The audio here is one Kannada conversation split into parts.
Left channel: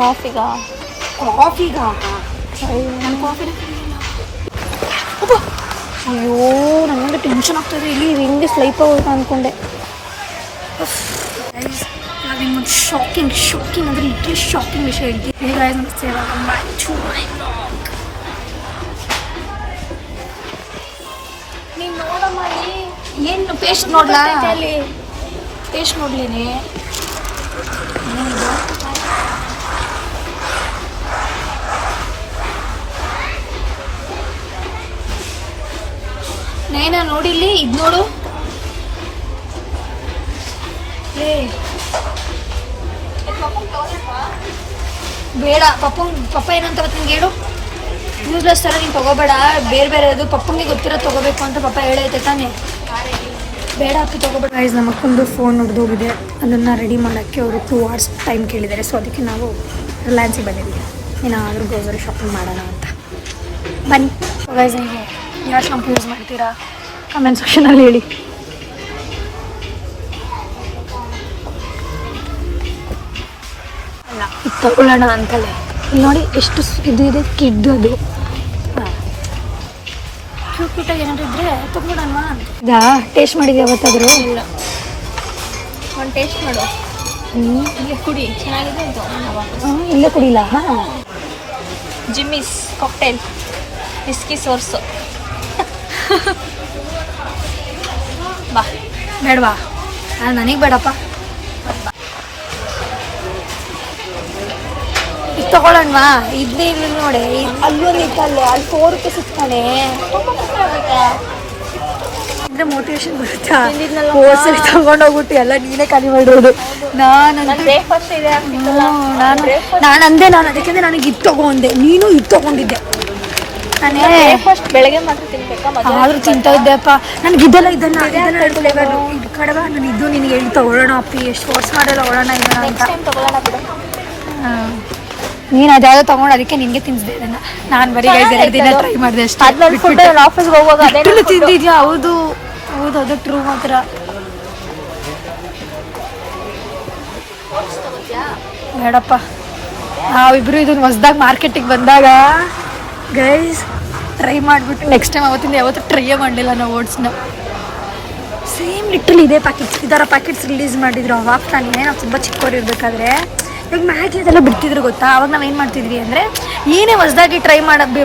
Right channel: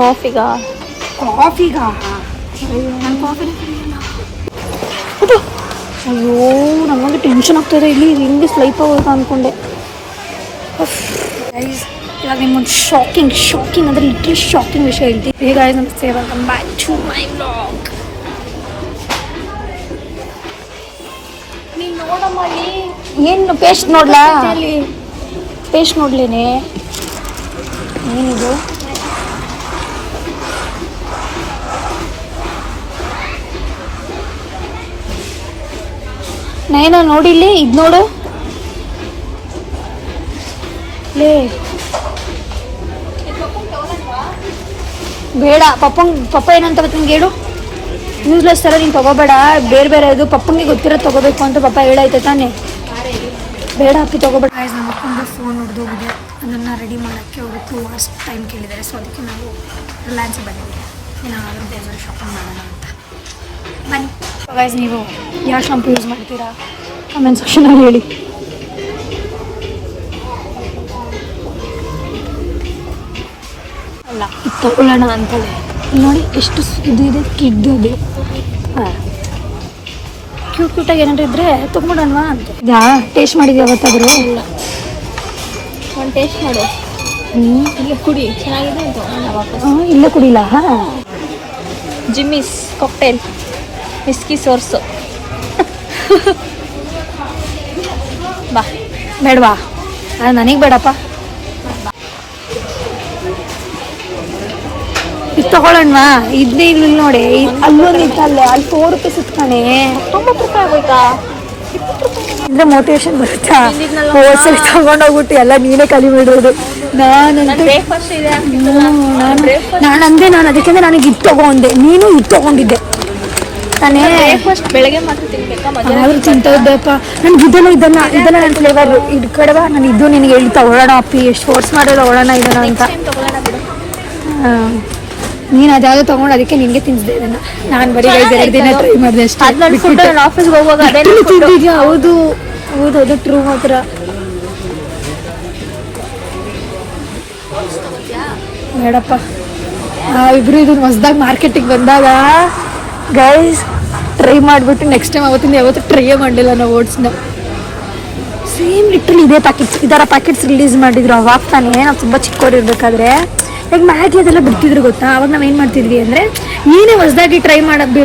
ಕಾಫಿಗಾ ಅಯ್ಯೋ ನನಗೆ ಟೆನ್ಷನ್ ಆಗ್ತಾಯಿದೆ. ಇಲ್ಲಿ ಹಿಂಗೆ ಸ್ಲೈಪ್ ಆಗೋಯ್ತು ಅಂದ್ಕೊಂಡೆ. ಇವಾಗ ನಿಮ್ಗೊಂದು ಶಾಕಿಂಗ್ ಅಂದರೆ ಲಿಟ್ರಲಿ ಶಾಕಿಂಗ್ ವಿಷಯ ಹೇಳ್ತೀನಿ. ಈಗ ನಮಸ್ತೆ, welcome back to my vlog. ಏನು ಪೇಸ್ಟ್ ನೋಡ್ಲಾ? ಪೇಸ್ಟ್ ನೋಡ್ಲೇನೆ ಏನಿದು? ನೈನಾ ನೋಡಿಲ್ಲಿ ಇದು ನೋಡು ಲೇ. ಬೇಡ ಪಪ್ಪ ಏನಂತ ನಿಂಗೆ ಹೇಳು. ನ್ಯೂಸ್ಲೆಸ್ ಥರ ನೀನು ತೊಗೋಬೇಡ, ಬೇರೆ ಇದು ಪಪ್ಪಂಗೆ ಗೊತ್ತಿರೋದು ತೊಗೋಬೇಕು ಅಂತ ಪಪ್ಪ ಹೇಳಾಯ್ತು ತಾನೆ. ಬೇಡ ಅಪ್ಪಿ ತೊಗೋಬೇಡ. ಗೈಸ್, ನಮ್ಮ ಅಪ್ಪಂದು ಫೋನ್ ಹೊಡೆದೋಗಿದೆ. ಅದನ್ನು ರೆಡಿ ಮಾಡೋಕ್ಕೆ ಅವರು 2 hours ಟೈಮ್ ಕೇಳಿದ್ದಾರೆ. ಸೊ ಅದಕ್ಕೆ ನಾವು ರಿಲಯನ್ಸಿಗೆ ಬಂದಿದ್ದೀವಿ. ಏನಾದರೂ ಗ್ರೋಸರಿ ಶಾಪಿಂಗ್ ಮಾಡೋಣ ಅಂತ. ಬನ್ನಿ ಗೈಸ್. ನೀವು ಯಾವ ಶಾಂಪು ಯೂಸ್ ಮಾಡ್ತೀರಾ ಕಮೆಂಟ್ ಸೆಕ್ಷನಲ್ಲಿ ಹೇಳಿ. ಅಲ್ಲ, ಇದು ತಗೊಳ್ಳೋಣ ಅಂತಲೇ. ಇಲ್ಲಿ ನೋಡಿ ಎಷ್ಟು ಇದು ಇದೆ, ಕಿಡ್ದು ಅದು. ಹಾಂ, ಕ್ಯೂಟಾಗಿ ಏನಾದ್ರು ಇದ್ರೆ ತೊಗೊಂಡೋಣವಾ ಅಂತ. ಇದಾ ಟೇಸ್ಟ್ ಮಾಡಿದ್ವಿ ಯಾವತ್ತಾದರೂ? ಇಲ್ಲ, ಒಂದು ಟೇಸ್ಟ್ ಮಾಡು. ಇಲ್ಲೇ ಕುಡಿ, ಚೆನ್ನಾಗಿದೆ ಅಂತ. ಇಲ್ಲೇ ಕುಡಿಲ್ಲ. ಹಾಂ, ಜಿಮ್ಮಿಸ್ ಕಾಕ್ಟೇಲ್ ವಿಸ್ಕಿ ಸೋರ್ಸು. ಬಾ. ಬೇಡವಾ? ಅದು ನನಗೆ ಬೇಡಪ್ಪ. ಇದು ತಗೊಳ್ಳೋಣವಾ? ಇದನ್ನೇ ಇಲ್ಲಿ ನೋಡಿ, ಅಲ್ಲೊಂದು ಇತ್ತಲ್ಲೇ, ಅಲ್ಲಿ 4 ರೂಪಾಯಿ ಸಿಗ್ತಾನೆ. ಅಂದರೆ ಮೋಟಿವೇಶನ್ ಬರುತ್ತಾ? ಹೋಲ್ಸೇಲ್ ತಗೊಂಡೋಗ್ಬಿಟ್ಟು ಎಲ್ಲ ನೀನೇ ಖಾಲಿ ಮಾಡಿರೋದು. ನಾನಂತೆ ನಾನು ಅದಕ್ಕೆ ನನಗೆ ಇದು ತಗೊಂಡೆ, ನೀನು ಇದು ತಗೊಂಡಿದ್ದೆ ತಾನೇ. ಬೆಳಗ್ಗೆ ಮಾತ್ರ ಆದ್ರೂ ತಿಂತಾ ಇದ್ದೆಪ್ಪ. ನನಗೆ ಇದೆಲ್ಲ ನನ್ನ ಫ್ಲೇವರ್ ಇದು ಕಡೆವಾ. ನಾನು ಇದು ನಿನಗೆ ಹೇಳಿ ತಗೊಳ್ಳೋಣ ಪ್ಲೀಸ್, ಫೋರ್ಸ್ ಮಾಡಿ ತಗೊಳ್ಳೋಣ ಇದನ್ನ ಅಂತ. ನೀನು ಅದ್ಯಾವುದೋ ತೊಗೊಂಡು ಅದಕ್ಕೆ ನಿನಗೆ ತಿನ್ನಿಸಿದೆ ಇದನ್ನು. ನಾನು ಬರೀ 2 ದಿನ ಟ್ರೈ ಮಾಡಿದೆ ಅಷ್ಟೇ. ಆಫೀಸ್ಗೆ ಹೋಗುವಾಗ ತಿಂದಿದ್ಯಾ? ಹೌದು, ಟ್ರೂ ಮಾತ್ರ. ಬೇಡಪ್ಪ. ನಾವಿಬ್ರು ಇದು ಹೊಸ್ದಾಗಿ ಮಾರ್ಕೆಟಿಗೆ ಬಂದಾಗ ಗೈಸ್ ಟ್ರೈ ಮಾಡಿಬಿಟ್ಟು ನೆಕ್ಸ್ಟ್ ಟೈಮ್ ಅವತ್ತಿಂದ ಯಾವತ್ತೂ ಟ್ರೈಯೇ ಮಾಡಲಿಲ್ಲ ನಾವು ಓಟ್ಸ್ನ. ಸೇಮ್ ಲಿಟ್ರಲಿ ಇದೇ ಇದರ ಪ್ಯಾಕೆಟ್ಸ್ ರಿಲೀಸ್ ಮಾಡಿದ್ರು ಅವಾಗ ತಾನೇ. ನಾವು ತುಂಬ ಚಿಕ್ಕವರಿರ್ಬೇಕಾದ್ರೆ ಇವಾಗ ಮ್ಯಾಗಿ ಅದೆಲ್ಲ ಬಿಡ್ತಿದ್ರು ಗೊತ್ತಾ. ಅವಾಗ ನಾವು ಏನು ಮಾಡ್ತಿದ್ವಿ ಅಂದರೆ, ನೀನೇ ಹೊಸದಾಗಿ ಟ್ರೈ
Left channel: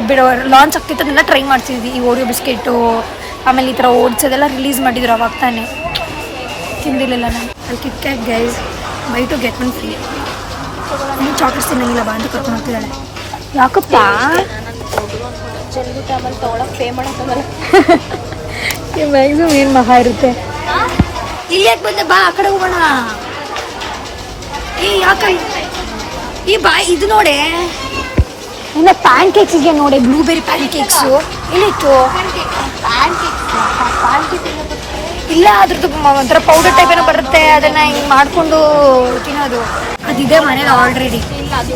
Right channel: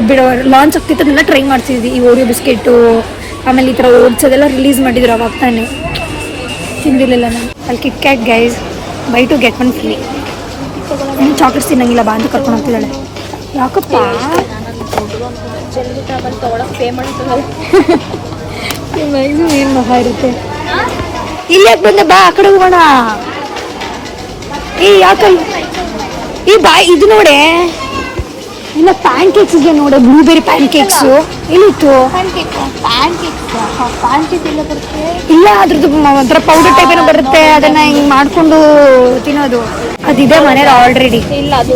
ಬಿಡೋ ಲಾಂಚ್ ಆಗ್ತಿತ್ತು ಅದನ್ನೆಲ್ಲ ಟ್ರೈ ಮಾಡ್ತಿದ್ವಿ. ಈ ಓರಿಯೋ ಬಿಸ್ಕೆಟು, ಆಮೇಲೆ ಈ ಥರ ಓಟ್ಸ್ ಅದೆಲ್ಲ ರಿಲೀಸ್ ಮಾಡಿದ್ರು ಅವಾಗ ತಾನೇ. ತಿಂದಿರಲಿಲ್ಲ ನಾನು. ಅಲ್ಲಿ kit cat guys, by two get 1 free. ನೀನು ಚಾಕ್ಲೇಟ್ಸ್ ತಿನ್ನಂಗಿಲ್ಲ ಬಾ ಅಂತ ಕರ್ಕೊಂಡು ಹೋಗ್ತಿದ್ದಾಳೆ. ಯಾಕಪ್ಪ? ಮ್ಯಾಕ್ಸಿಮಮ್ ಏನು ಮಹಾ ಇರುತ್ತೆ. ಇಲ್ಲಿ ಯಾಕೆ ಬಂದೆ? ಬಾ, ಆ ಕಡೆ ಹೋಗೋಣ. ಯಾಕೆ ಬಾ, ಇದು ನೋಡೆ. ಇಲ್ಲ, ಪ್ಯಾನ್ ಕೇಕ್ಸ್ಗೆ ನೋಡೆ, ಬ್ಲೂಬೆರಿ ಪ್ಯಾನ್ ಕೇಕ್ಸು ಇಲ್ಲಿತ್ತು. ಇಲ್ಲ, ಅದ್ರದ್ದು ಒಂಥರ ಪೌಡರ್ ಟೈಪ್ ಏನೋ ಬರುತ್ತೆ, ಅದನ್ನ ಹಿಂಗೆ ಮಾಡಿಕೊಂಡು ತಿನ್ನೋದು. ಅದಿದೆ ಮನೇಲಿ ಆಲ್ರೆಡಿ. ಇಲ್ಲ, ಅದು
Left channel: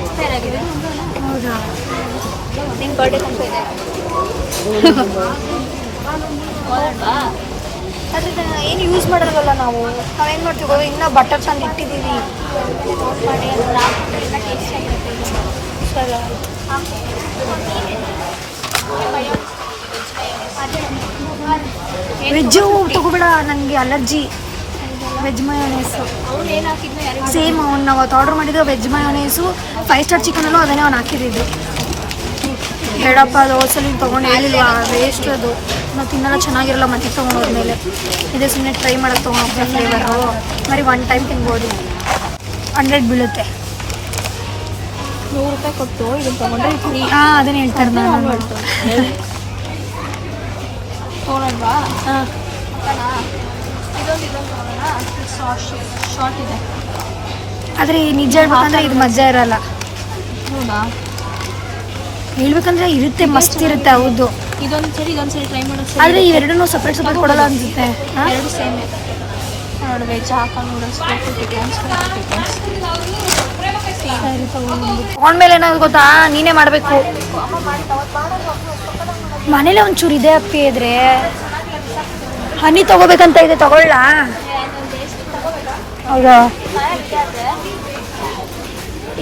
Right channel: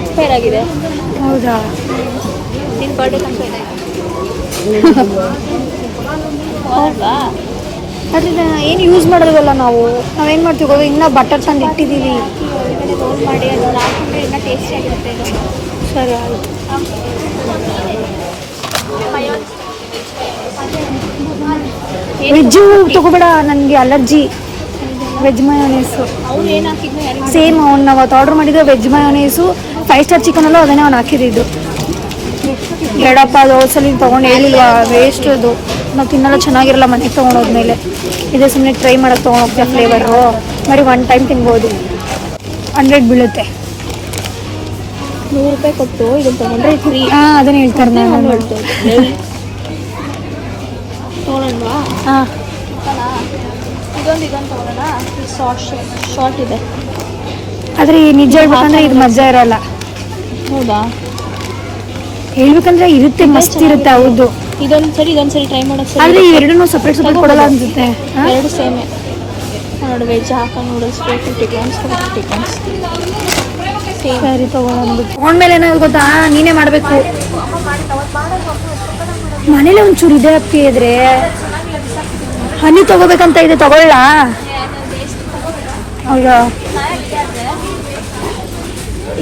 ಎಕ್ಸ್ಪೈರ್ ಆಗಿದೆ. ಹೌದಾ? ಅದ್ರಿಂದ ಏನು ಯೂಸ್ ಮಾಡೋದಲ್ಲ ನಾವೇನು ಮಾಡ್ತೀವಿ ಗೊತ್ತಾ? ಇನ್ನೂ ಬಟರ್ ತಂದು ಇಟ್ಟಿದ್ದೀವಿ. ಸರಿ, ವೆಜ್ಜು ತಗೋಬೇಡ, ನನಗೆ ಅಲರ್ಜಿ. ವೆಜ್ ಮಯೋನೀಸು ಸೇಮ್ ನಾವು ಅವತ್ತು ಆರ್ಡರ್ ಮಾಡಿದ್ರೆ ವೆಜ್ ಮಯೋನೀಸು 5 ಸ್ಟಾರ್ ಚಿಕನಲ್ಲೂ ಅದನ್ನೇ ಅವ್ನು ಹಾಕಿದ್ದು. ಬೇಡಪ್ಪ, ಅದು ಸಲ ತೊಗೊಂಡು ಹೇಳಿಲ್ವಾ, ವೇಸ್ಟ್ ಅದು. ನಾವು ತಿನ್ನೋದು ಚೆನ್ನಾಗಿರಲ್ಲ ಮನೆಗೆ ತೊಗೊಂಡೋದ್ಮೇಲೆ. ಇದೇ ಸುಮ್ಮನೆ ಟ್ರೈ ಮಾಡೋದು ತೊಗೊಂಡೋಗ್ತೀವಿ ಫ್ಲೇವರು. ಬರೀ 1 ಟೈಮ್ ತಿನ್ಬೋದು. 100 ಬೀಳುತ್ತೆ. 100 ರೂಪಾಯಿ ಕೊಟ್ಟು ಇದನ್ನು ತೊಗೊಂಡ್ರೆ ಫ್ರೀ. ಹಾಂ, ಅದನ್ನು ಹೇಳ್ತಾರೆ. ನಾನು ತೊಗೊಳಲ್ವಾ? ಹಾಂ, ಇದೊಂದು ತೊಗೊಳ್ಳೋಣ. ಶಾರ್ಟ್ ಇದೆ. ಆದರೆ ನಿಜ ಹೇಳ್ಬೇಕಂದ್ರೆ ಇದು ಮಜಾ ಇರೋಲ್ಲ. ಹೌದಾ? ಹೇಳ್ಬೇಕಂದ್ರೆ ಇರುತ್ತೆ, ಮಸ್ತ್ ಇರುತ್ತೆ. ಹೌದು, ಇದೊಂದು ಸರಿ ಟ್ರೈ ಮಾಡೋದು. ಆದರೆ ಇವೆರಡನ್ನೂ ಸಪ್ರೇಟ್ ಕೊಡಲ್ಲ ಅನ್ಸುತ್ತೆ. 2 ಸೇಮೆ ನೋಡಿ. ವೆಜ್ ಹಾಕ ನೂಡಲ್ಸ್, ಟಿಕನ್ಸ್. ಸರಿ, ತೊಗೊಂಡ್ಮೇಲೆ ಏನಾದ್ರು ಗೊತ್ತಾ, ನೀನೇ ಮಾಡಬೇಕು. ಮನೇಲೆ ಒಂಚೂರು ಇದೆ ಅಪ್ಪಿ. ಇದ್ರೆ ಹನಿ ತೊಗೋಬೇಕಂತ ಇದೆ, ತಗೊಳ್ಳ? ಹೌದಾ?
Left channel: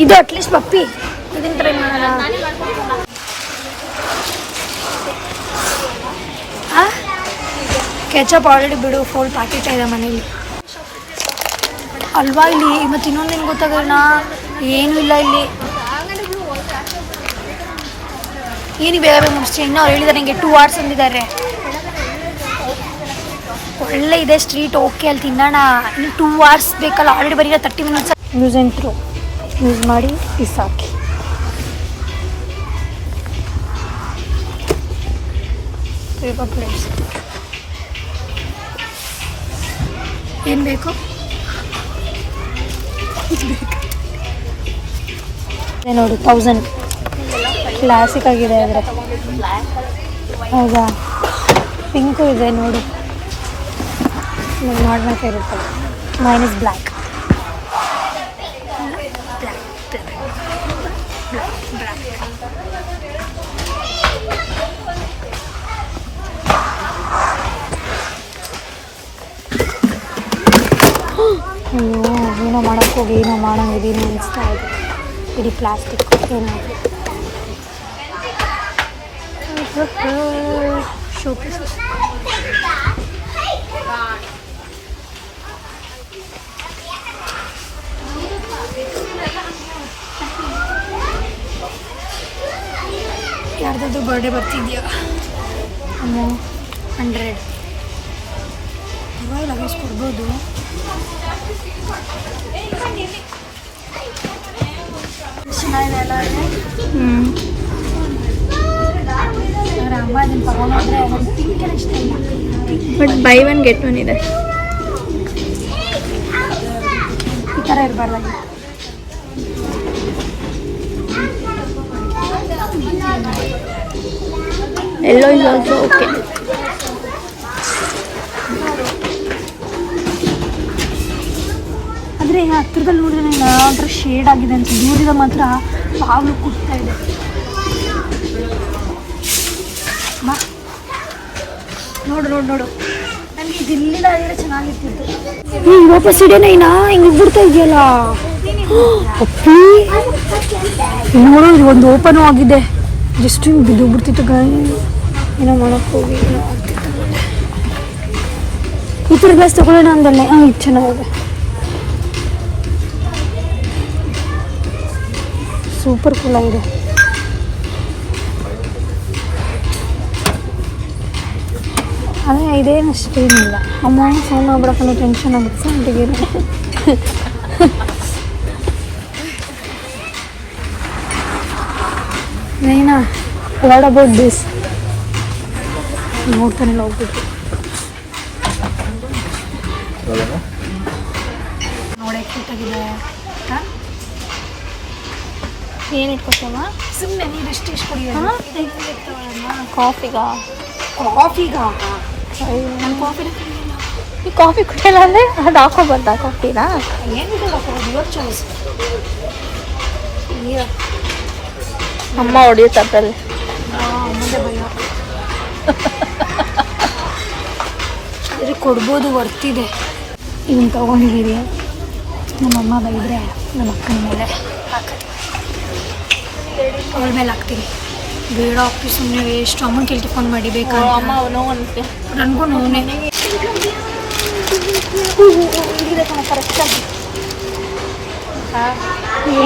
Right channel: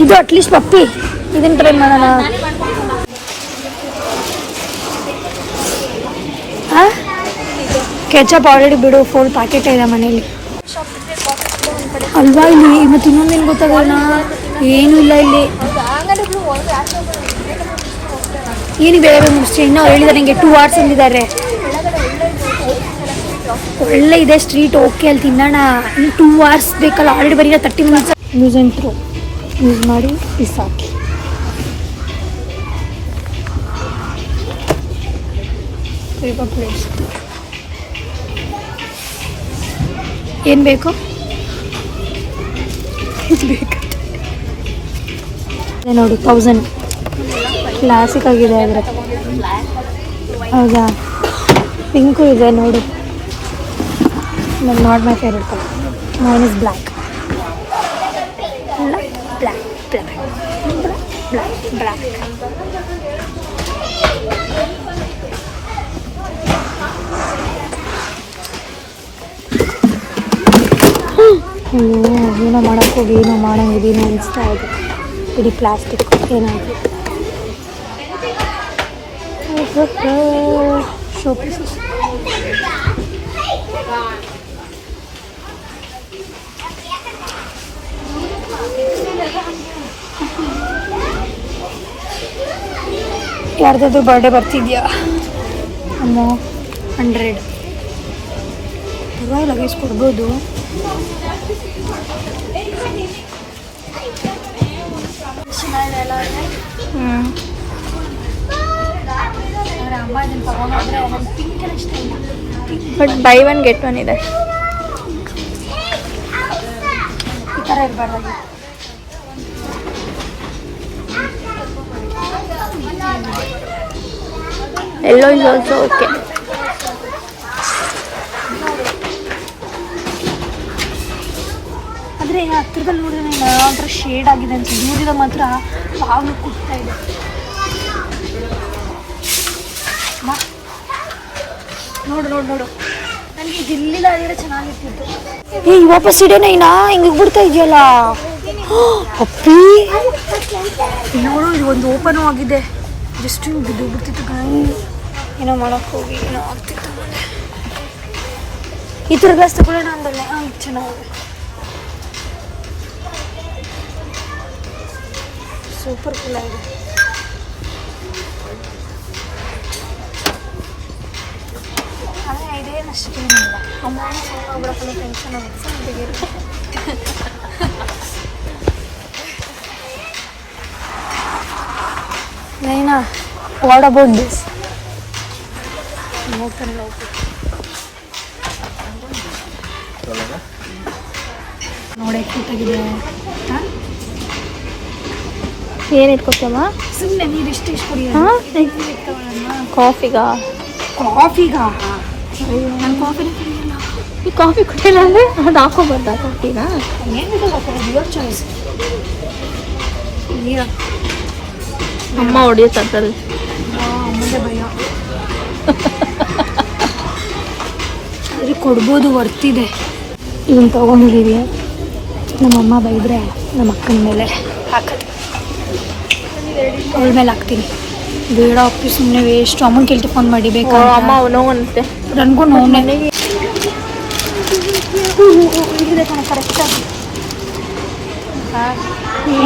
ಇದು ಅಟ್ಲೀಸ್ಟ್ ಪಪ್ಪಿ ಇದನ್ನ ಟ್ರೈ ಮಾಡೋಣ. ಕೆಚಪ್ ಆಲ್ರೆಡಿ ಬಿಡು, ಫುಲ್ ಪ್ಯಾಕೆಟ್ ಇದೆ ಮನೇಲಿ ಅಲ್ವಾ. ಇಲ್ಲಿ ಮತ್ತೆ ಇನ್ನೊಂದೇನು ಗೊತ್ತಾಗೋಣ, ಏನೂ ಇಲ್ಲ ಇಲ್ಲಿ. ಏನು ಬೇರೆ ಮುಗಿಸಿ ಇನ್ನೂ ಹೇಳಿದ್ದಾರೆ ನನಗೆ 2 hours ಅಂದಿದ್ದಾರೆ. ಒಳ್ಳೆ ಇದೆ ಸ್ಟ್ರೀಟ್, ಓಕೆ ಅಲ್ಲಿ ತಿನ್ನೋಣ. ಇನ್ನು 2 hours ಬೇಕಲ್ಲ, ಆಲ್ರೆಡಿ ಬರೀ 30 minutes. Use and throw use ಮಾಡಿ ಬಿಸಾಕಿ. ಪ್ಲೇಟ್ಸ್ ಏನು ಬೇಕು ನೋಡಿ 1000 ಕ್ಲಾಸಿಕ್ ಆಗಿದೆ. ಆದರೆ ಹೌದಾ, ಪಿಂಕು ಇದೆ ನೋಡು. ನನಗೆ not my favourite colour. Main is black. ಅಯ್ಯೋ, ಏನೋ ಮಾಡೋಕ್ಕೆ ಹೋಗಿ ಏನೋ ಮಾಡೋಂಗಿದೆ, ಏನೋ ಅನಿಸ್ತಾ ಇದೆ. ಇಡೀ ಪ್ಲಾಸ್ಟಿಕ್ ಏನಾದರೂ ಶೋ ಪೀಸಸ್. ಯಾರ್ದಾದ್ರು ಬರ್ಡೇ ಬರ್ತಿದ್ಯಾ? 100 ಪರವಾಗಿಲ್ಲ ಗೈಸ್, ಕೊಡ್ಬೋದು. ಬಟ್ ಬೈ 1 get 1 ಇದೆ. ಈ ಥರ ಇರಬಾರ್ದು. ಎಲ್ಲೋ ಆಲ್ಸೋ ಓಕೆ. ಆದರೆ ಹತ್ತಿರದಲ್ಲಿ ನೋಡಿದ್ರೆ ಯಾವ್ದಾದ್ರು ಶೇಡ್ ಆಗಿದೆ ಅಂತ, ದೂರದಿಂದ ಮಾತ್ರ ಪಾವು ಕುಟ್ತಾ ಇದೆ. ನೋಡು ನನಗೆ ಇದಿಲ್ಲ ಅಂದರೆ ಚೆನ್ನಾಗಿರ್ತಿತ್ತು. ಹಿಂಗೆ ವಾಪಸ್ ಇಡೋಣ, ಹಿಂಗೆ ಬಿಡ್ತಾ ಇದೆಯಲ್ಲ ಅಪ್ಪಿ. ನೋಡು, ಇದು ಒಂದು ಓಪನ್ ಆಗಿದೆ. ಜಸ್ಟ್ ಬಿದ್ದು ಬಿಡ್ತಿತ್ತು ಗಾಯ. ಏನೋ ಮಾಡೋಕ್ಕೆ ಹೋಗಿ ಏನೋ ಆಗ್ತಿತ್ತು. ಈ ಥರ ಗ್ಲಾಸ್ ತಗೊಳ್ಳೋಣ ಅಂದಲ್ಲೇ. ಇದು ಚೆನ್ನಾಗಿದೆ, ಸೂಪರ್ ಕೂಲ್ ಆಗಿದೆ. ಅದೇ ಇದೇನಷ್ಟೇನಿಲ್ಲ. ಅಮ್ಮ ಫೋನ್ ಮಾಡ್ಬಿಡಕ್ಕಲ್ಲ, ಟೆನ್ಷನ್ ಆಗುತ್ತೆ ಅಂತಿಗೆ. Naina, what about this? ನೋಡ್ತಾನೆ ಹೋಗ್ಬಿಟ್ಟು ನೋಡೇ ಕ್ಯೂಟಾಗಿದೆ. ಹಾಂ, ಏನು ಇಟ್ಕೊತೀಯಮ್ಮ? ಸುಮ್ಮನೆ ನೀರು ಇಷ್ಟು ಕುಡಿಯ. ಕಾಫಿಗಾ? ಈ ಕಾಫಿ ಕುಡಿಯಲ್ಲ ಅಂದರೆ ಅದು ಹಾಕೊಂಬಂದ ಕಾಫಿನಾ? ಅಮ್ಮ ಹೊಡಿಯುತ್ತೆ ಅದರಲ್ಲಿ. ಆದರೆ ಕೊಡ್ಬೋದು, ವರ್ತಿದೆ. ಇದನ್ನು ತೊಗೊಂಡಿದ್ದೀವಿ. ನಮ್ಮಮ್ಮ ಬೈದರೆ ನಮ್ಮ ಅಕ್ಕನ ಮೇಲೆ ಹಾಕ್ತೀನಿ, ಅವಳ ಮೇಲೆ ಹಾಕ್ತೀನಿ. ಬೇಡ ಅಪ್ಪಿ, ಸುಮ್ಮನೆ ವೇಸ್ಟ್. ಅಮ್ಮನ ಕೇಳ್ತಿ ಫೋನ್ ಮಾಡಿ ಬೇಕಾ? ಅಮ್ಮ ನೋವು ಅನಿಸುತ್ತೆ ನನಗೂ. ನೋವೇ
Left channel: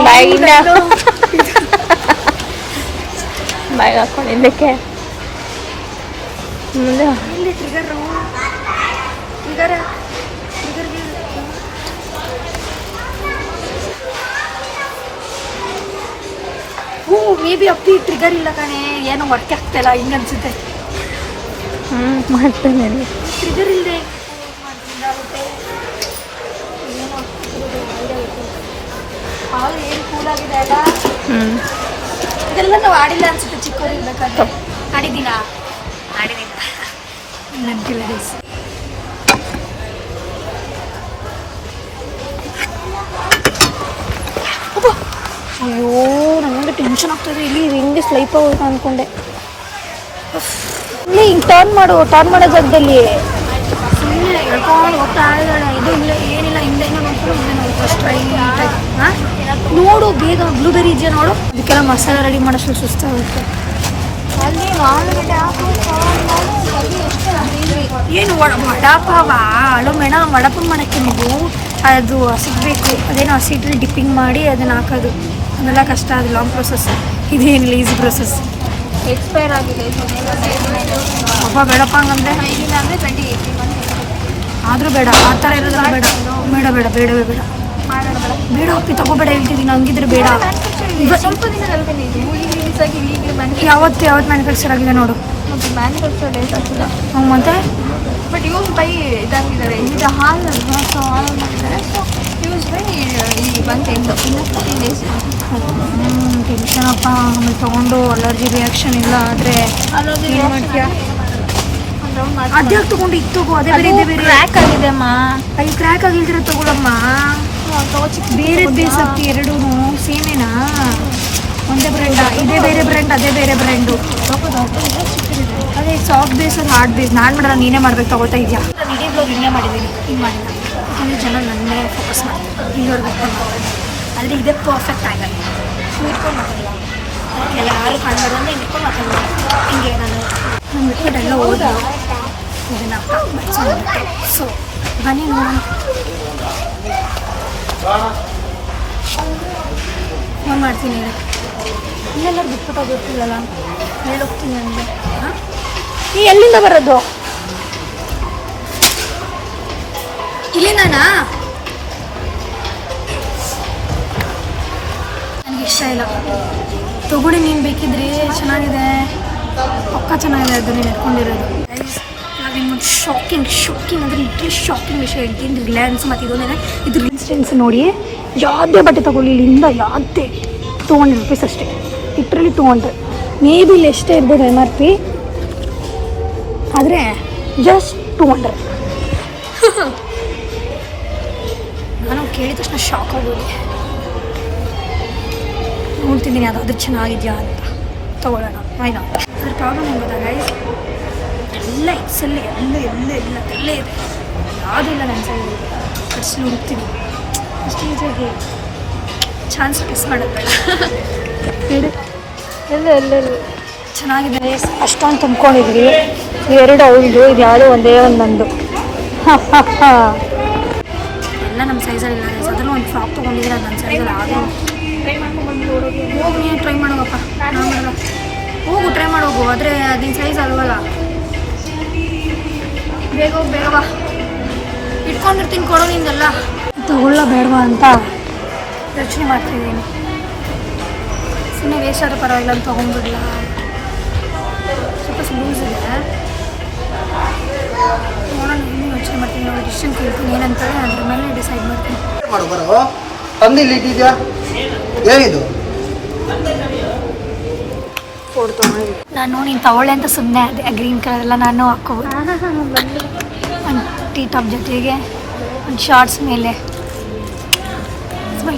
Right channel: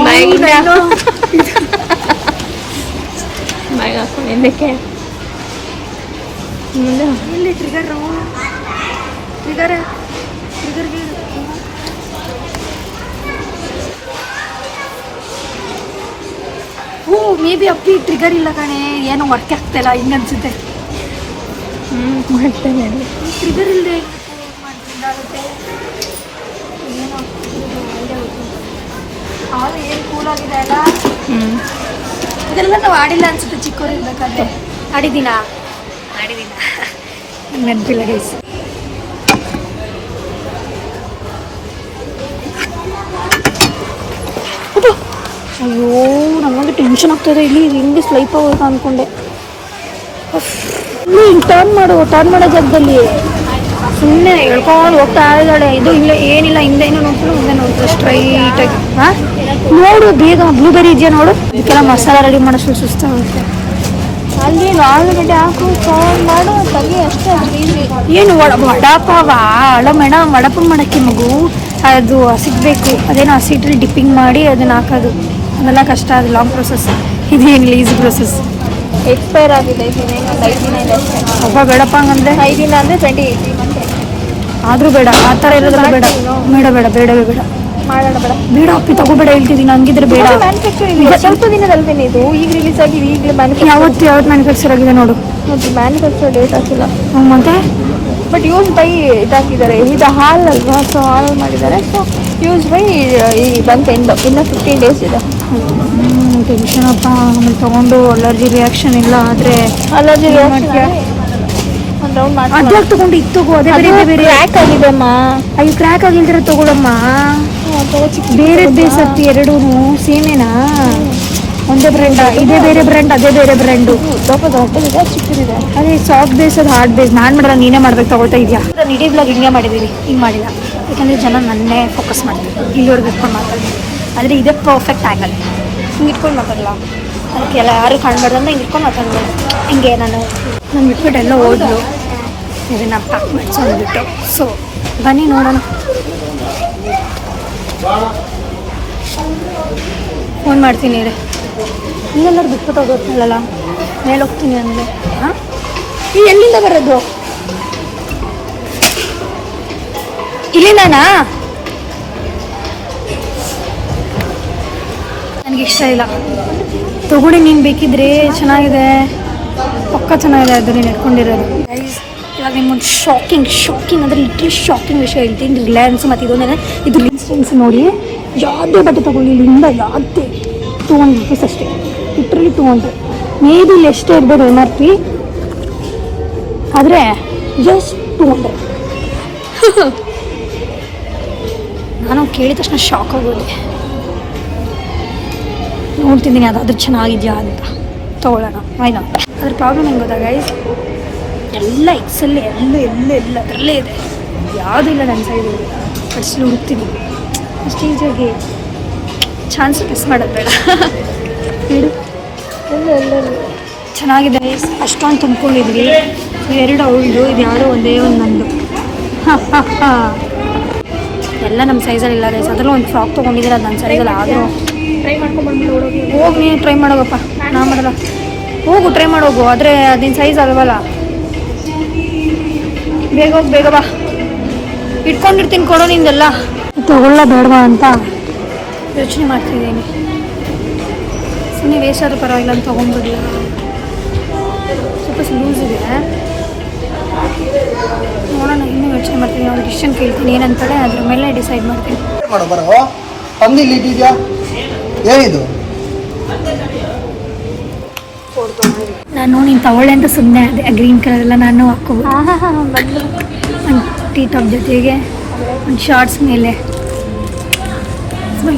ಬಾಯಿನ ಬಾಯಿಗೆ ಹಾಕೊಂಡಿದ್ದಕ್ಕೆ ಮುಂದೆ ಮೇ ಬಿ ಅಪ್ಪಿ ಟ್ರಿಗರ್ ಇಲ್ಲ ಕಣೆ, ಏನೋ ವರ್ಕ್ ಆಗ್ತಾಯಿಲ್ಲ ಹಿಂಗೆ ಅನ್ಸುತ್ತೆ. ಮಾಡ್ತೀನಿ ಟ್ರಿಗರ್ ಇಲ್ಲದೆ. ಇದೆಲ್ಲ ನಾವು ಆಡಿಲ್ಲ ಅನ್ಸುತ್ತೆ ಚಿಕ್ಕವ್ರು ಇರ್ಬೇಕಾದ್ರೆ. ಆಡಿದ್ದೀನ ನೆನಪಿಲ್ಲ ಗೈಸ್. ಅಯ್ಯೋ, ನಮಗೆ ಟೆನ್ಷನ್ ಆಗ್ತಾಯಿದೆ. ಇಲ್ಲಿ ಹಿಂಗೆ ಸ್ಲೈಪ್ ಆಗೋದು ಅಂದ್ಕೊಂಡೆ. ಇಲ್ಲಿ ಹಿಂಗೆ ಟರ್ನ್ ಮಾಡೋ ಜಾಗದಲ್ಲಿ ಸುಮ್ಮನೆ ಹೇಳ್ಕೊಂಡು ಹೋಗ್ತಾ ಇದ್ದಾಳೆ. ಇದು ಇಲ್ಲ, ಏನಿಲ್ಲ, ಹಿಂದೆ ಏನೋ ನೋಡ್ಕೊಂಡು ಮುಂದೆ ನೋಡ್ತಾರೆ ಸ್ಟ್ರೈಟಾಗಿ. ಹಾಂ, ನೋಡು ಬೇಗ ಬ್ಲೂಬೆರಿ ಇದೆಯಾ ನೋಡು. ಇದಕ್ಕೆಲ್ಲ ಮಸಾಲ ರೆಡಿ ಮಾಡೋಷ್ಟು ಸುಸ್ತಾಗುತ್ತೆ. ಅಲ್ಲಿ ಆಲೂಗಡ್ಡೆ ಹಾಕು ಫೋನ್ ಮಾಡು ಬಗ್ಗೆ ಅಷ್ಟೇ. ಏನು ವಡಾಪಾವ ಅಲ್ಲ ಮೇಡಮ್, ವಡಾಪಾವ ಮಾಡೋಕ್ಕೆ ಮಗು ಅದು ಸಿಗಬೇಕು. ಅದೇನೋ ಹಸಿಟ್ಟಲ್ಲಿ ಡಿಪ್ಪಿಂಗ್ ಮಾಡಿ ಅದನ್ನ ಹಾಕೋದು, ಅದೆಲ್ಲ ಕಷ್ಟ. ಅದು ಲಾಂಗ್ ಪ್ರೊಸೆಸ್. ಇದೇನಿಲ್ಲ, ಈಸಿ ಪ್ರೊಸೆಸ್. ಎಕ್ಸ್ಪೈರ್ ಆಗಿದೆ ಇನ್ನೇನು ಒಂದು 5 ದಿನ ಇದೆ ಅಷ್ಟೇ. ಒಬ್ಬ ಬೇಡಪ್ಪ ಅಂದರೆ 5 ದಿನ ಅಂದರೆ 28 ಮಂತ್. ಆದರೂ ಬೇಡ, ಆ ಥರ ಇರೋದಿಲ್ಲ. ಬೇಡ ಬೇಡ ಬೇಡ ಬೇಡವೇ ಬೇಡ, ಮಾಡೋಣ ಬೇಡ. ಬೇಡ ಅಪ್ಪಿ ತಗೋಬೇಡ ಹೇಳ್ತಿದ್ದೀನಿ. ಹಂಗಿದ್ರೆ ಬೇಡ. ಮ್ಯಾನುಫ್ಯಾಕ್ಚರ್ ಇದೆ, ಸ್ವಲ್ಪ ದಿನದಲ್ವೇನೆ ಇದು. ಈಗ ರಿಲೀಸ್ ಆಗಿ ಈಗಲೇ ಯಾವತ್ತು ಮ್ಯಾನುಫ್ಯಾಕ್ಚರ್ ಆಗಿದೆ ನೋಡು. ಮತ್ತು ಮ್ಯಾನುಫ್ಯಾಕ್ಚರ್ ಡೇಟ್ ಹಾಕಿಲ್ಲ ಮತ್ತೆ. ಬಟ್ ಯೂಸ್ ಬೈ ಇದಾಕಿದ್ದಾರೆ. ಇದು ಹಾಲ್ ಅಲ್ವಾ, ಸೊ ಹಾಲ್ ಮಾಡಿದ್ದಾರೆ. ಸೊ ಯೂಸ್ ಬೈ ಈ ಬಂತು ಎಂಡು, ಇನ್ನೂ 15 days ಇದೆ. ಟೆನ್ಷನ್ ಅಪ್ಪ. ಆಮೇಲೆ ತೊಗೊಂಡು ಅಲರ್ಜಿ ರಿಯಾಕ್ಷನ್ ಇಲ್ಲ ಆದರೆ ಅಲರ್ಜಿ ರಿಯಾಕ್ಷನ್ ಒಂದು ರೌಂಡ್ ಮಾಡಿ ಅದ್ಯಾಕೆ ತೊಗೊಂಡು ಇದು ತಗೋ. ಅದೇ ಬೇರೆ ಬೇರೆ ಕ್ರ್ಯಾಕ್ ಆಗಿದೆ ಅಮ್ಮ. ಅಯ್ಯೋ ಕ್ರ್ಯಾಕ್ ಆಗಿಲ್ದಿರ ತಗೊಳಮ್ಮ. ಬೇರೆ ಬೇಸತ್ತಿ ಎರಡೂ ಸೇಮೇನಾ? ಒಂದೇ ಬ್ರ್ಯಾಂಡ? ಇದೇ ಬೇರೆ ಬ್ರ್ಯಾಂಡ್, ಅದೇ ಬೇರೆ ಬ್ರ್ಯಾಂಡು. ಸ್ವಲ್ಪ ದೊಡ್ಡದಿದೆ, ಚಿಕ್ಕದಿದೆ. ಅದೇ ಸಾಫ್ಟ್ ಬೇಸ್, ಅದು ಹಾರ್ಡ್ ಬೇಸ್. ನಾನು ಮಾಡಲ್ಲ, ನೀನೇ ಮಾಡ್ಬೇಕು. ತಗೊಳ್ತಾ ಇದೆಯಾ? ಇಡೀ ಬ್ಲಾಗ್ ಹಿಂಗೆ ಮಾಡಿದ್ದೀನಿ, ಹಿಂಗೆ ಮಾಡಿಲ್ಲ. ಯಾಕಂದರೆ ಜನ ನನ್ನೇ ಫೋಕಸ್ ಮಾಡ್ತಾರೆ, ಇಲ್ಲಿವರೆಗೂ ಇಟ್ಕೊಂಡು ಮಾತಾಡ್ತೀನಿ. ಆದರೆ ಇದೇ ಪರ್ಫೆಕ್ಟ್ ಆ್ಯಂಗಲ್. ಇಟ್ಕೊಂಡು ಮಾತಾಡಲ್ಲ, ಅದಕ್ಕೆ ಎಲ್ಲ ಯಾರು ಕಾಣಬಾರ್ದನ್ನ ಇಟ್ಕೊಂಡು ಮಾತಾಡ್ತೀನಿ. ಹಿಂಗೆ ನಾನು ಬಿಟ್ಬಿಟ್ಟು ಎಲ್ಲ ಹೋದ್ರು. ಇದನ್ನು ಪ್ಯಾಕ್ ಮಾಡಿಸ್ಕೊಂಡ್ಬಿಟ್ಟು. ಸೊ ಬನ್ನಿ ನೋಡೋಣ. ಫೋನ್ ಮಾಡ್ತೀನಿ ರೀ. ಇನ್ನೆಲ್ಲರೂ ಬಿಟ್ಬಿಟ್ಟು ಹೋಗೋಲ್ಲ, ಮೇಲೆ ಹೋಗ್ತೀನಿ ಅಂದರೆ. ಹಾಂ, ಈ ಎಲ್ಲಿಂದ ಬರೋದು? ಇಲ್ಲಿಂದನಾ? ನನಗಿಷ್ಟ ಇಲ್ಲ. ತಗೊಳ್ಳಿ, ನೀನು ಬೇಕಿದ್ರೆ. ಚೆನ್ನಾಗಿದೆ, ಪಕ್ಕ ಚೆನ್ನಾಗಿದೆ. ಅದು ನೀನು ಇಟ್ಕೊಂಡಿರೋದು. ಇವಾಗ ನಿಮ್ಗೊಂದು ಶಾಕಿಂಗ್ ಅಂದರೆ ಲಿಟ್ರಲಿ ಶಾಕಿಂಗ್ ವಿಷಯ ಹೇಳ್ತೀನಿ. ರಿಲಯನ್ಸ್ ಮತ್ತು ಇದೊಂದೇನೆ, ಇದು ಇನ್ಸ್ಟೆನ್ಸ್ ನೋಡಿ. ಯಾವುದೇ ಬಟ್ಟೆ ತೊಗೊಳ್ಳಿ ಇಲ್ಲಿಂದ, ಯಾವುದೇ 200 rupees ಅಷ್ಟೇ. ಲಿಟ್ರಲಿ 200. ಮೇ ಬಿ ಇಲ್ಲಿ ಎಷ್ಟೇ ಇರ್ಬೋದು MRP, ಆದರೆ ಜಸ್ಟ್ 200. ನಾನು ಕೇಳಿದ ತಕ್ಷಣ ಶಾಕ್ ಆಗೋದೆ. ನೋಡ್ತಿದ್ದೀನಿ ಅದಾದ್ರೂ ಚೆನ್ನಾಗಿದೆಯಾ ಅಂತ ತೊಗೊಳ್ಳೋಣ. ಆಯ್ತಾ? ಅದ್ರ ಪ್ರಾಬ್ಲಮ್ ಹೆಂಗೆ ಗೊತ್ತಾ ಗೈಸ್, ಎಲ್ಲ ಎಕ್ಸಲ್ಲಿ ಎಲ್ಲ ಅದರಲ್ಲೇ ಇದೆ. ಯಾವುದೂ ಇಲ್ಲ ನನ್ನ ಸೈಡ್. ಕಟ್ಸಲು ಹುಡುಕ್ತೀನಿ ಅಷ್ಟು ಈಸಿಯಾಗಿ. ಚಾನ್ಸ್ ಮಿಸ್ ಮಾಡೋದು ಬೇಡ. ನೋಡಿ ಎಲ್ಲೆಲ್ಲಿ ಚೆನ್ನಾಗಿದೆ. ಅಷ್ಟೊಂದು ತುಂಬ್ಕೊಂಡಿದ್ವಿ. ಎರಡು ಅವಳದು, ಇದು ಯಾವುದೋ ಒಂದೇ ಒಂದು ನಮ್ಮದು. ಎಲ್ಲ ನಮ್ಮ ಸೈಜಲ್ಲಿ ಇಲ್ಲ ಗೈಸ್. ಅದರಲ್ಲೂ ಒಂದು ಫ್ರಾಕ್ ತೊಗೊಂಡಿದ್ದೀನಿ, ಅದು ನನ್ನ ಸೈಜಲ್ಲಿ. ಆದರೂ ಟ್ರೈ ಮಾಡ್ಕೊಂಡ್ಬಂದ್ಬಿಟ್ಟು ಹೋಗಿ, ನೀನು ಟ್ರೈ ಮಾಡೋಗಪ್ಪ. ನಾ ಮಾಡಲ್ಲ. ಹೋಗು, ಟ್ರೈ ಮಾಡೋಗು. ಆದರೆ ಅದಿನ ಸೈಜ್ ಅಲ್ವಲ್ಲ. ಬೇಗ ಹೋಗಿ, ಬೇಗ ಬಾ. ಇಟ್ಕೊಂಡಿರ್ತೀನಿ, ಕೊಡು ನಿಂದೆಲ್ಲ. ತಗೊಳ್ಳ ಬೇಡವಾ ಅಂತ ಯೋಚನೆ ಮಾಡ್ತಿದ್ದೀನಿ. ಸುಮ್ಮನೆ ವೇಸ್ಟ್ ಆದರೂ ಪರವಾಗಿಲ್ಲ ಅಂತ ತೊಗೊಂಡ್ಬಿಡ್ಲಾ. ಸ್ವಲ್ಪ ಲೂಸ್ ಇದೆ, ನೋಡೋಣ. ಇನ್ನೂ ಯೋಚನೆ ಮಾಡ್ತೀನಿ. ಅವ್ಳು ಡಿಸಿಷನ್ ಕೇಳ್ತೀನಿ ಏನಂತಾಳೆ, ಅದ್ರ ಮೇಲೆ ಡಿಸೈಡ್ ಮಾಡ್ತೀನಿ. ನಾನು ನೀನು ತಗೊಳ್ಳೆ ಅಂತ ಸುಮ್ಮನೆ ಅದೇ ಗ್ರೀನ್ ಕಲರ್ ಎಲ್ಲ ನಾನು ಹಾಕ್ಕೋಬೋದು. ಒಂದು ಟೀ ಟಾಪ್ ಜೊತೆಗೆ ಒಂದು ಶಾರ್ಟ್ಸ್ ಮೇಲೆ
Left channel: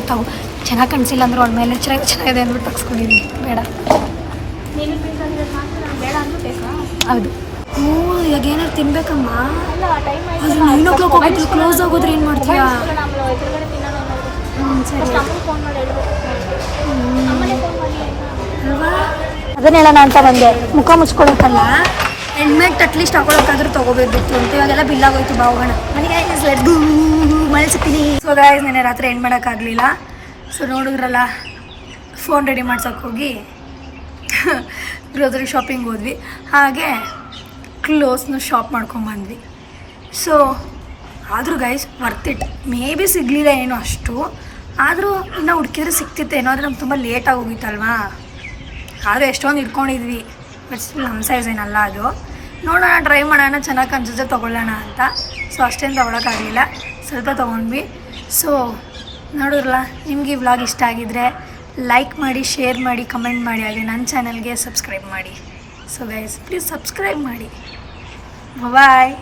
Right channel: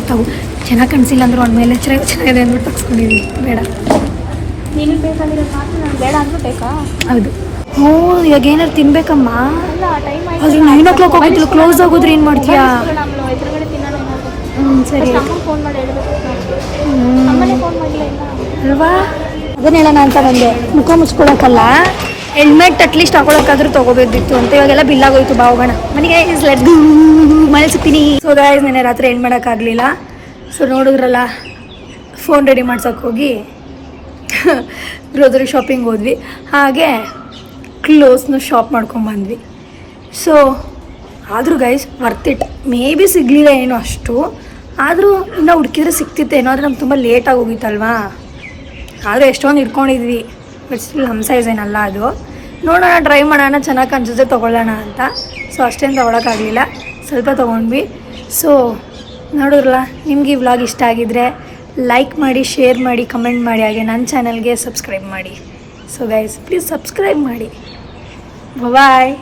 ತಗೋ. ಚೆನ್ನಾಗಿ ಕನ್ಸಿಲ್ಲ ಅಂದ್ರೆ ಒಂದು ಮೇಲೆ ಚೆನ್ನಾಗಿದೆ ಅಂದ್ಬಿಟ್ಟು ತಗ್ಸ್ಕೊಂಡಿದ್ದೀನಿ. ಬೇಡ, ನಿನಗೆ ಬೇಕಾಗಿರೋ ಬೇಡ ಅಂದ್ರೂ ಬೇಕಾ? ಹೌದು. ಹ್ಞೂ, ಇವಾಗ ಏನಾರು ತಿನ್ಬೇಕಮ್ಮ. ಅಲ್ಲ, ಟೈಮ್ ಆಯ್ತು. ಅದು 9 o'clock ಹೋಗಿತ್ತು. ಕ್ಲೋಸ್ ಆಗೋದ್ರೆ ಏನು ಮಾಡ್ತೀಯಾ? ಎದುರುಗಡೆ ತಿನ್ನೋಣ. ಸರಿ, ಅಮ್ಮಂಗೆ ಫೋನ್ ಮಾಡಿ ಹೇಳ್ಬೇಕು. ಅಮ್ಮನೇ ಫೋನ್ ಮಾಡಲಿಲ್ಲ ಅಲ್ವಾ? ಅದನ್ನ ಹೇಳೋಣ ಅಂತ ಬಂದೆ. ಮುಖ ಮುಚ್ಕೊಳಕ್ಕಲ್ಲ, ಹೆಲ್ಮೆಟ್ ಅಟ್ಲೀಸ್ಟ್ ಹಾಕೊಳಕ್ಕಾದ್ರೂ ತೊಗೋಬೇಕಿತ್ತು ಅಂತ. ಇವಾಗೆಲ್ಲ ಬಿಲ್ ಆಗೋಯ್ತು. ಬಾ ಹೋಗೋಣ ಮನೆಗೆ. ಮನೇಲಿ ಸಿಗ್ತೀನಿ. ಸೊ ಗಾಯ್ಸ್, ನೆನ್ನೆ ರಾತ್ರಿ ಏನು ಮಾಡೋಕ್ಕಾಗಲಿಲ್ಲ. ಸೊ ನೋಡಿದ್ರಲ್ಲ, ಫೋನ್ ರೆಡಿ ಮಾಡ್ಸೋಕೆ ಹೋಗಿ ಗ್ರೋಸರಿ ಶಾಪಿಂಗ್ ಹೋದ್ವಿ. ಹಾಗೆ ಕ್ಲೋತ್ಸ್ನ ಶಾಪ್ ಮಾಡ್ಕೊಂಬಂದ್ವಿ. ಸೊ ಆದರೂ guys worth it. May be ಸಿಗಲಿಲ್ಲ ಏನೋ ಅಷ್ಟು, ಆದರೂ ಇನ್ನೂ ಹುಡುಕಿದ್ರೆ ಸಿಕ್ತಿತ್ತೇನೋ. ಆದರೆ ನಮ್ಗೆ ತುಂಬ ಲೇಟಾಗಿ ಹೋಗಿತ್ತಲ್ವಾ. ಆದರೂ ಎಷ್ಟೊಂದು ಇಟ್ಕೊಂಡಿದ್ವಿ. ಬಟ್ ಸ್ಟಿಲ್ ನಮ್ಮ ಸೈಜ್ ಏನಲ್ಲ ಅದು. ನೋಡೋಣ, ಟ್ರೈ ಮಾಡೋಣ, ಚೆನ್ನಾಗಿ ಅನ್ಸುತ್ತೆ ತೊಗೊಳ್ಳೋಣ ಅಂತ. ಸೊ ಅಷ್ಟೇನು ತೊಗೊಳಕ್ಕಾಗಲಿಲ್ಲ, ಸ್ವಲ್ಪ ತೊಗೊಂಡ್ವಿ. ಸೊ ನೋಡಿದ್ರಲ್ಲ, ನಿಮ್ಗೆ ಈ ವ್ಲಾಗ್ ಇಷ್ಟ ಆಗಿದ್ದರೆ ಲೈಕ್ ಮಾಡಿ, ಶೇರ್ ಮಾಡಿ, ಕಮೆಂಟ್ ಮಾಡಿ. ಹಾಗೆ ನನ್ನ ಚಾನಲ್ಗೆ ಸಬ್ಸ್ಕ್ರೈಬ್ ಮಾಡಿ. ಸೊ ಗೈಸ್, ಪ್ಲೀಸ್ ಸಬ್ಸ್ಕ್ರೈಬ್ ಮಾಡಿ. ಬಾಯ್.